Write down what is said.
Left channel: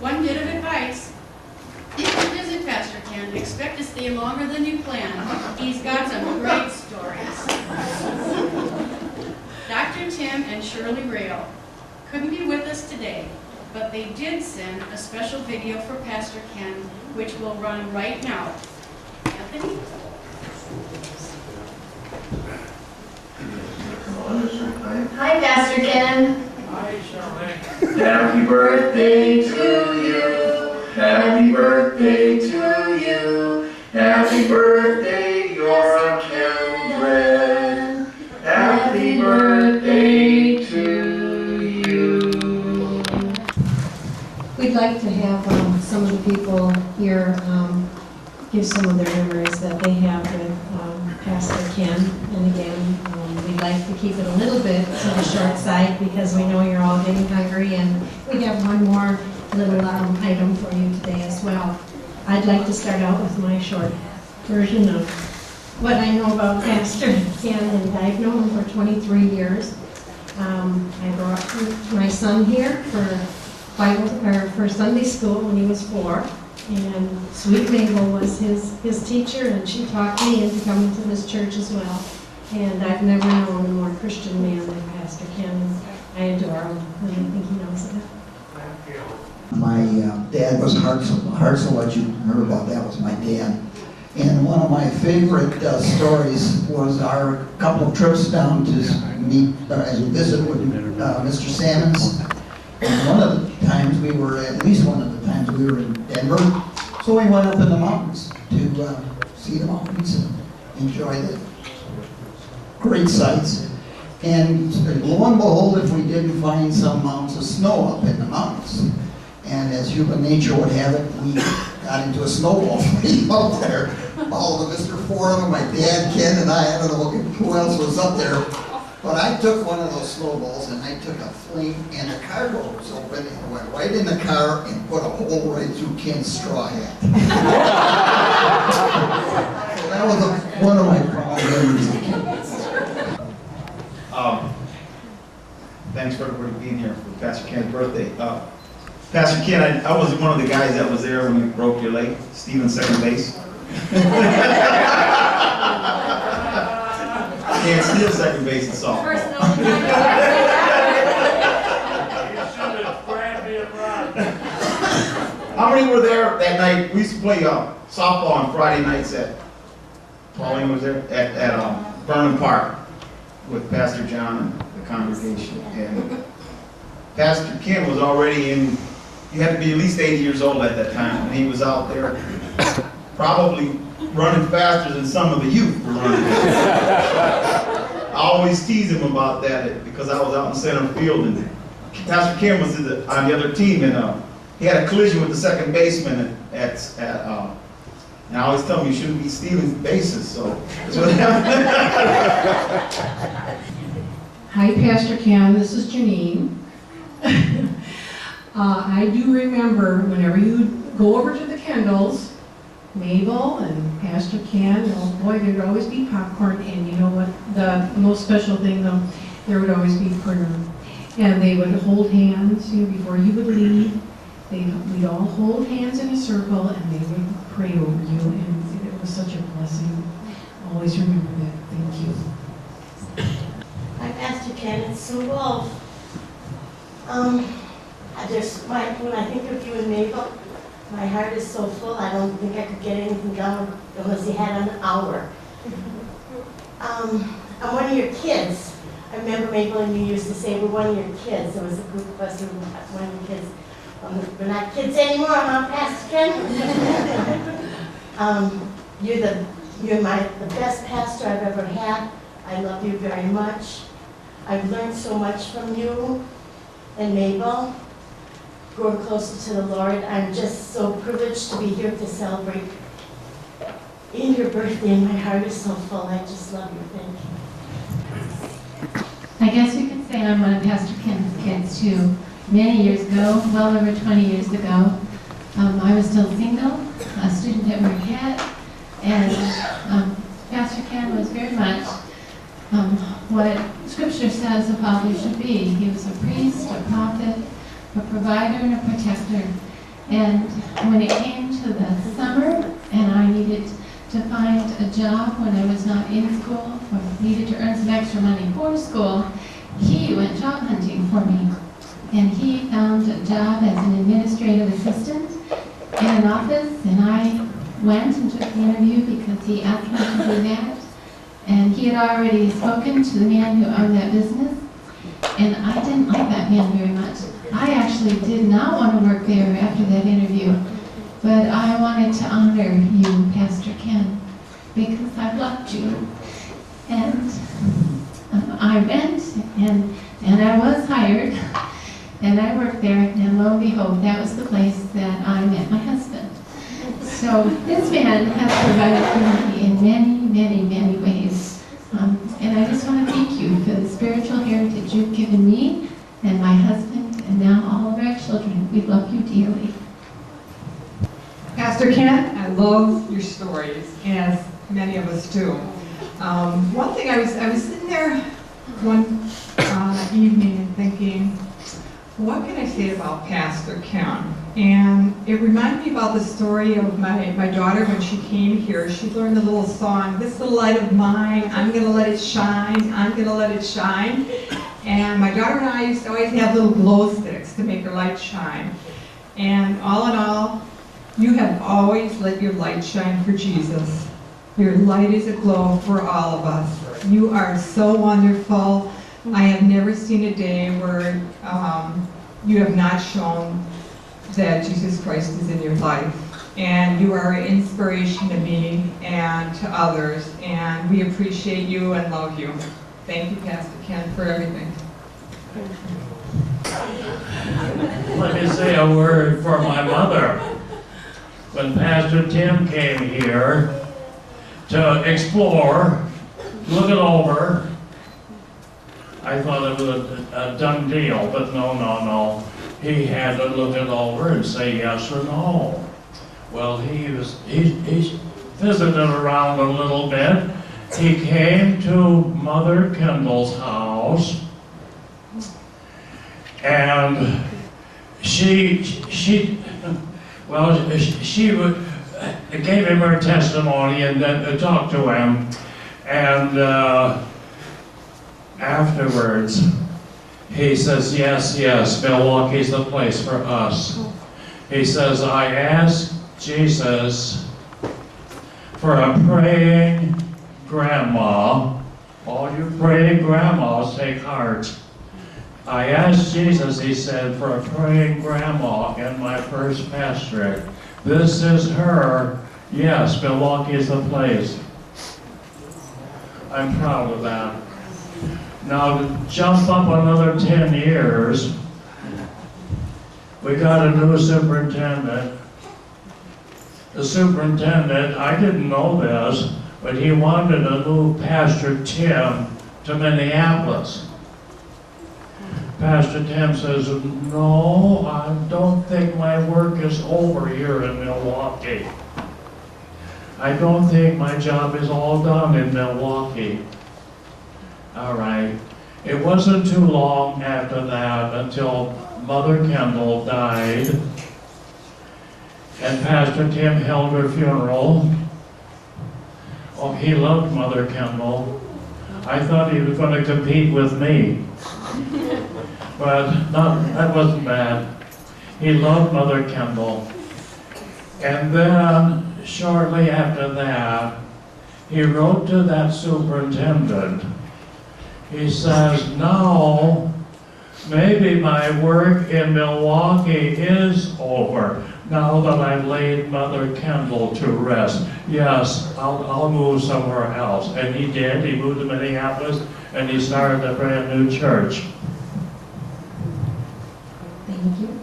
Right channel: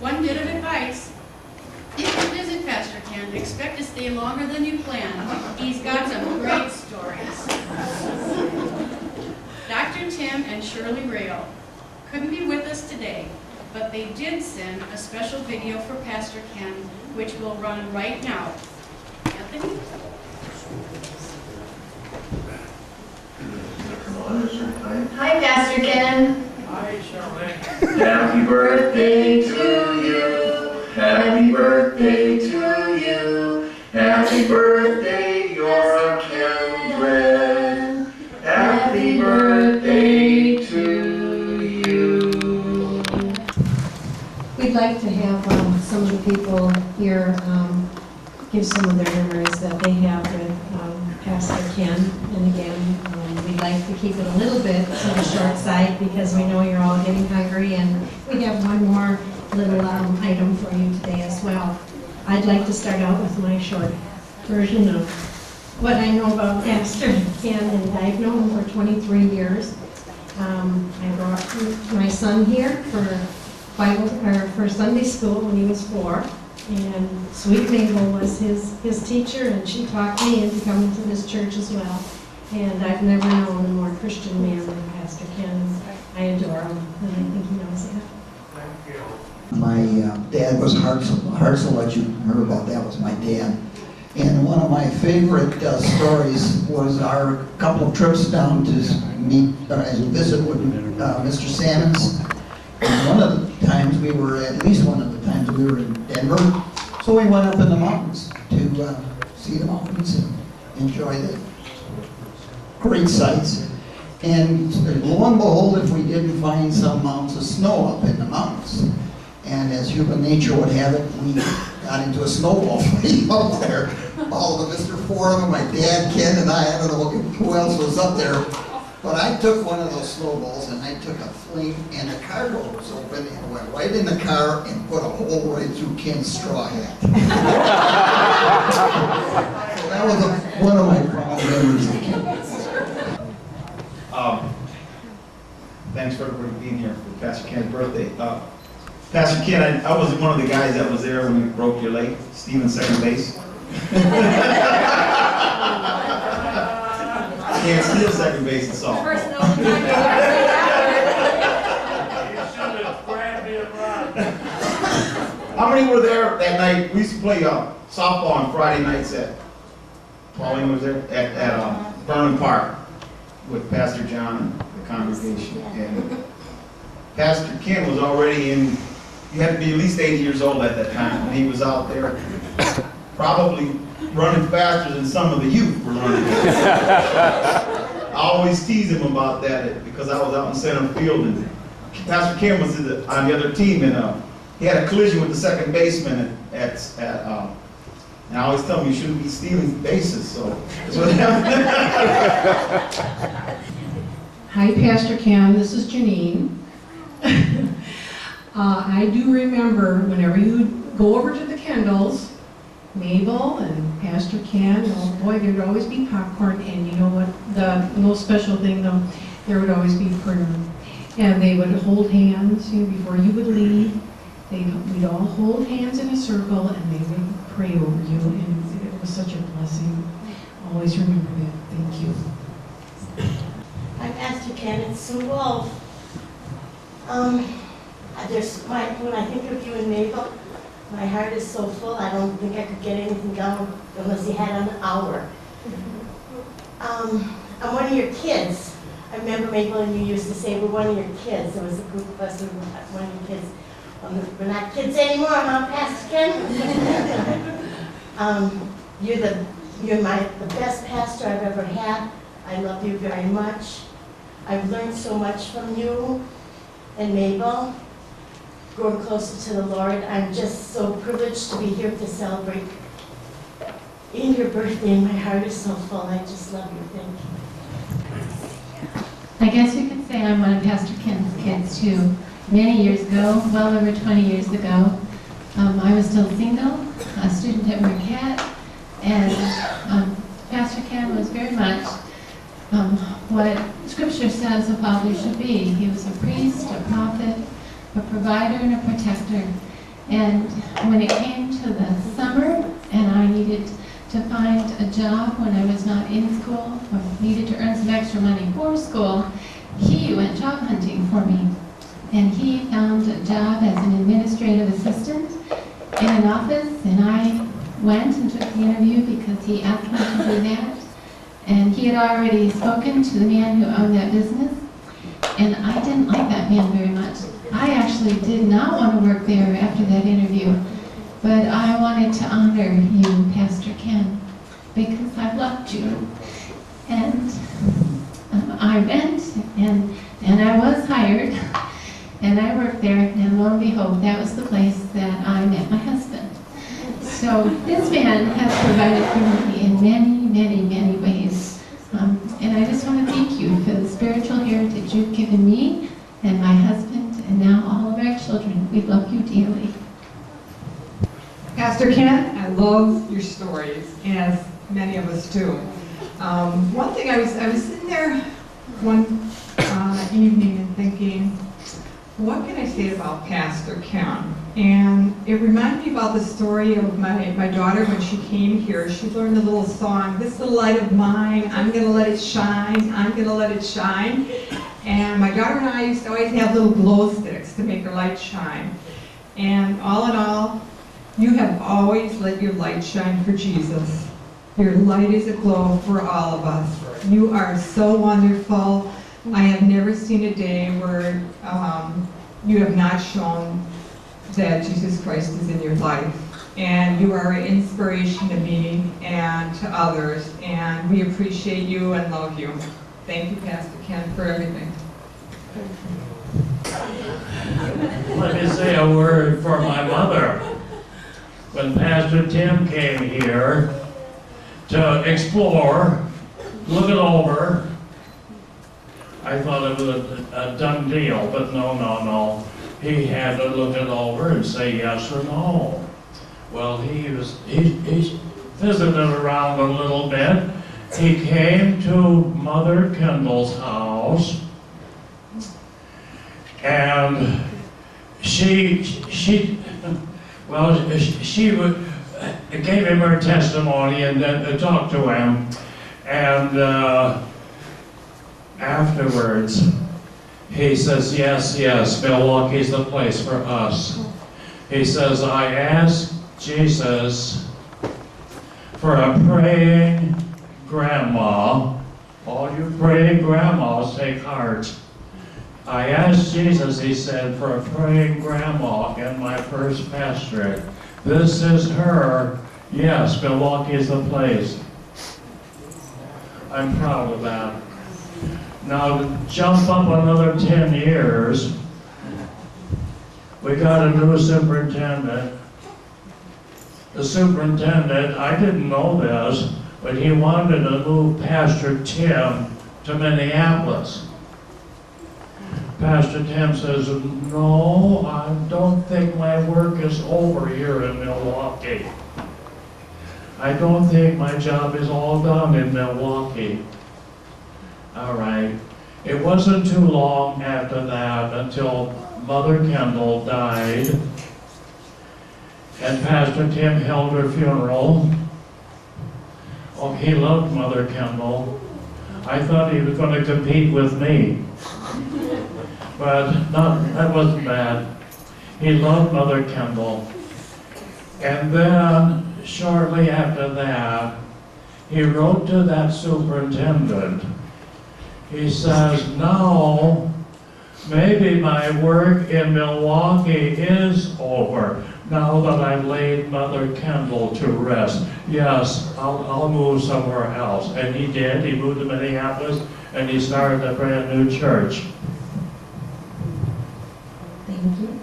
One bit of advice: if you visit Pastor Ken, expect to stay longer than you planned. He's got some great stories. Dr. Tim and Shirley Rail couldn't be with us today, but they did send a special video for Pastor Ken, which will run right now. Anthony? Hi, Pastor Ken. Hi, Shirley. Happy birthday to you. Happy birthday to you. Happy birthday, your kindred. Happy birthday to you. We'd like to have some of the people here give some of their memories that they have with Pastor Ken. And again, we'd like to keep it a little bit to the short side because we know you're all getting hungry, and we have one more little item for you today as well. I'd like to start out with my short version of what I know about Pastor Ken, and I've known him for 23 years. I brought my son here for Sunday school when he was 4. And Sweet Mabel was his teacher, and she taught me into coming to this church as well. And I've never known a more Christian man than Pastor Ken. I adore him, and I think he knows that. Thank you. My dad was Hartzell. What you heard about that was my dad. And one of my favorite stories was our couple of trips down to meet and visit with Mr. Sammons. And one of the times at least one of the times we were in Denver. So we went up in the mountains to see the mountains and enjoy the great sights. And lo and behold, if we didn't find some mounds of snow up in the mountains. And as human nature would have it, we got into a snowball fight out there. All of Mr. Foreman, my dad, Ken, and I don't know who else was up there. But I took one of those snowballs and I took a fling, and the car door was open and went right in the car and put a hole right through Ken's straw hat. So that was one of my fond memories of Ken. Thanks for everybody being here for Pastor Ken's birthday. Pastor Ken, I was one of the guys that was there when you broke your leg, Steven, second base. Can't steal second base in softball. You should have grabbed it right. How many were there that night? We used to play softball on Friday nights at Pauline was there at Burnham Park with Pastor John and the congregation. And Pastor Ken was already in. You had to be at least 80 years old at that time, and he was out there probably running faster than some of the youth were running. I always tease him about that because I was out in center field, and Pastor Ken was on the other team, and he had a collision with the second baseman and I always tell him you shouldn't be stealing bases, so that's what happened. Hi, Pastor Ken. This is Janine. I do remember whenever you go over to the Kendalls, Mabel and Pastor Ken, oh boy, there would always be popcorn, and you know what, the most special thing though, there would always be prayer. And they would hold hands, you know, before you would leave. We'd all hold hands in a circle, and they would pray over you, and it was such a blessing. Always remember that. Thank you. Hi, Pastor Ken, it's Sue Wolf. When I think of you and Mabel, my heart is so full, I don't think I could get anything done unless you had an hour. I'm one of your kids. I remember Mabel and you used to say, we're one of your kids. There was a group of us who were one of your kids. We're not kids anymore, huh, Pastor Ken? You're the best pastor I've ever had. I love you very much. I've learned so much from you and Mabel, growing closer to the Lord. I'm just so privileged to be here to celebrate in your birthday, and my heart is so full. I just love you. Thank you. I guess we could say I'm one of Pastor Ken's kids too. Many years ago, well over 20 years ago, I was still single, a student at Marquette, and Pastor Ken was very much what Scripture says a father should be. He was a priest, a prophet, a provider, and a protector. And when it came to the summer and I needed to find a job when I was not in school or needed to earn some extra money for school, he went job hunting for me. And he found a job as an administrative assistant in an office, and I went and took the interview because he asked me to do that. And he had already spoken to the man who owned that business, and I didn't like that man very much. I actually did not want to work there after that interview, but I wanted to honor you, Pastor Ken, because I loved you. And I went, and I was hired, and I worked there, and lo and behold, that was the place that I met my husband. So this man has provided for me in many, many, many ways. And I just want to thank you for the spiritual heritage you've given me and my husband and now all of our children. We love you dearly. Pastor Ken, I love your stories, as many of us do. One thing, I was sitting there one evening and thinking, what can I say about Pastor Ken? And it reminded me about the story of my daughter when she came here. She learned a little song, "This little light of mine, I'm gonna let it shine, I'm gonna let it shine." And my daughter and I used to always have little glow sticks to make her light shine. And all in all, you have always let your light shine for Jesus. Your light is aglow for all of us. You are so wonderful. I have never seen a day where you have not shown that Jesus Christ is in your life. And you are an inspiration to me and to others. And we appreciate you and love you. Thank you, Pastor Ken, for everything. Let me say a word for my mother. When Pastor Tim came here to explore, look it over, I thought it was a done deal, but no. He had to look it over and say yes or no. Well, he visited around a little bit. He came to Mother Kendall's house, and she gave him her testimony and then talked to him, and afterwards he says, yes, Milwaukee's the place for us. He says, I asked Jesus for a praying grandma. All you praying grandmas, take heart. I asked Jesus, he said, for a praying grandma in my first pastorate. This is her. Yes, Milwaukee is the place. I'm proud of that. Now, to jump up another 10 years, we got a new superintendent. The superintendent, I didn't know this, but he wanted to move Pastor Tim to Minneapolis. Pastor Tim says, no, I don't think my work is over here in Milwaukee. I don't think my job is all done in Milwaukee. All right. It wasn't too long after that until Mother Kendall died, and Pastor Tim held her funeral. Oh, he loved Mother Kendall. I thought he was going to compete with me, but that wasn't bad. He loved Mother Kendall. And then, shortly after that, he wrote to that superintendent. He says, now, maybe my work in Milwaukee is over, now that I've laid Mother Kendall to rest. Yes, I'll move somewhere else. And he did. He moved to Minneapolis, and he started a brand new church. Thank you.